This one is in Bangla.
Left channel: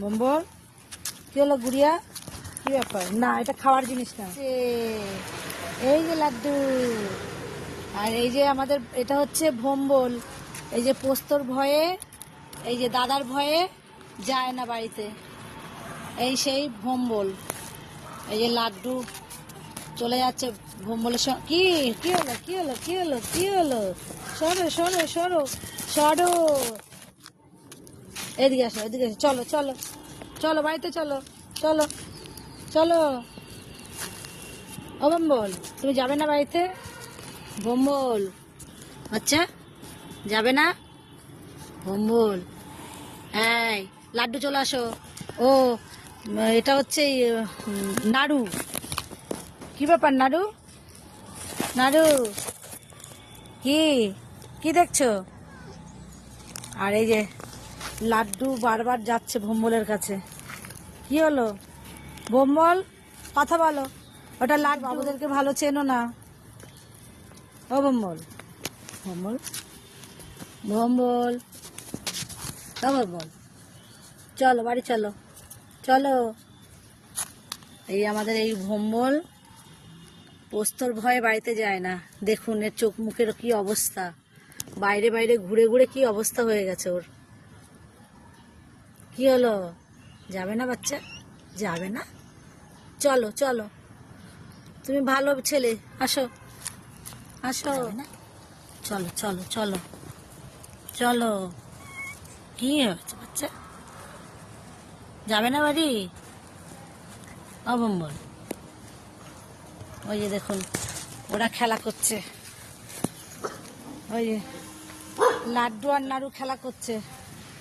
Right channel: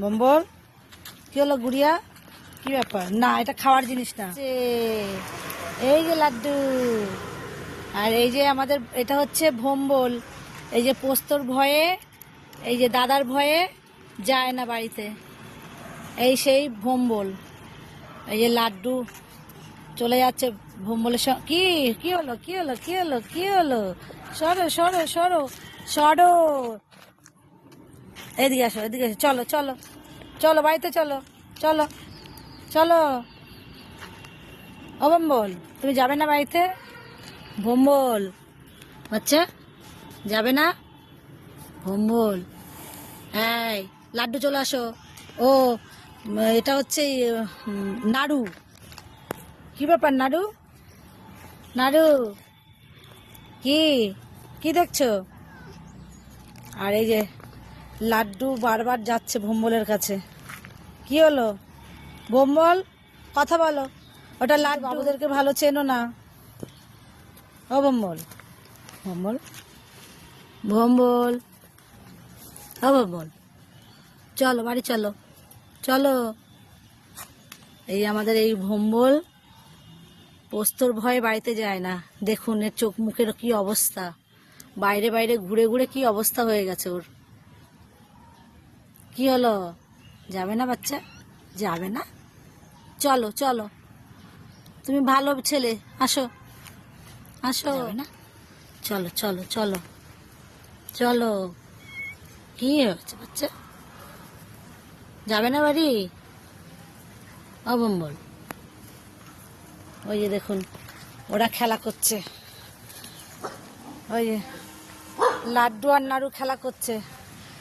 বম্বল কি হলো গুড়িয়া? কি ব্যাপার? না, এটা খাওয়ার জিনিস না। এই যে লাড্ডু, আর এই যে আমাদের এটা হচ্ছে ভম্বল। এই যে পোস্তর ভয়ে, এই যে দাদার ভয়ে যায় না বাড়িতে, এই সেই ভম্বল। এই যে লাড্ডু চলে যাচ্ছে ভম্বলের সঙ্গে। কি কি হলো? কি হলো? কি হলো? কি হলো? সরো সরো সরো সরো, এদিকে আসো, এদিকে আসো। চলো চলো চলো, বাড়িতে চলো, চলো চলো। ও ভম্বল, তুমি যাবে না বাড়িতে? ভম্বল বাচ্চা, যাবে না? ভম্বল, এই লাড্ডু চলে আসো। ও এটা হচ্ছে নাড়ু। কি ব্যাপার নাড়ু? নাড়ু কি কি দেখছো? আর এই যে লাড্ডু বারবার যাচ্ছে ভম্বলের কাছে। কি হলো ভম্বল? কথা বলো। ওটা লাড্ডু, বাবুদেরকে ভালো চেনো না। ও ভম্বল, ভম্বল, ভম্বল, ও ভম্বল, চলো বাড়ি চলো, চলো। এই আমাদের এই ভম্বল পোস্তর ভয়ে বাড়িতে যায় না। দেখুন এর চোখ মুখের কি অবস্থা, বাইরে বাইরে ঘুরে ঘুরে কি অবস্থা হয়ে গেছে ওর। কি হলো? যাবে না বাচ্চা? যাবে না? চলো চলো, তুমি ভালো ছেলে, আসো আসো না। চলো চলো চলো চলো। কি হয়েছে বাচ্চা? যাবে না বাড়ি? অবম্বল, ওই যে দেখুন ওরা খেলা করছে, ওই লাড্ডু আর নাড়ু খেলা করছে।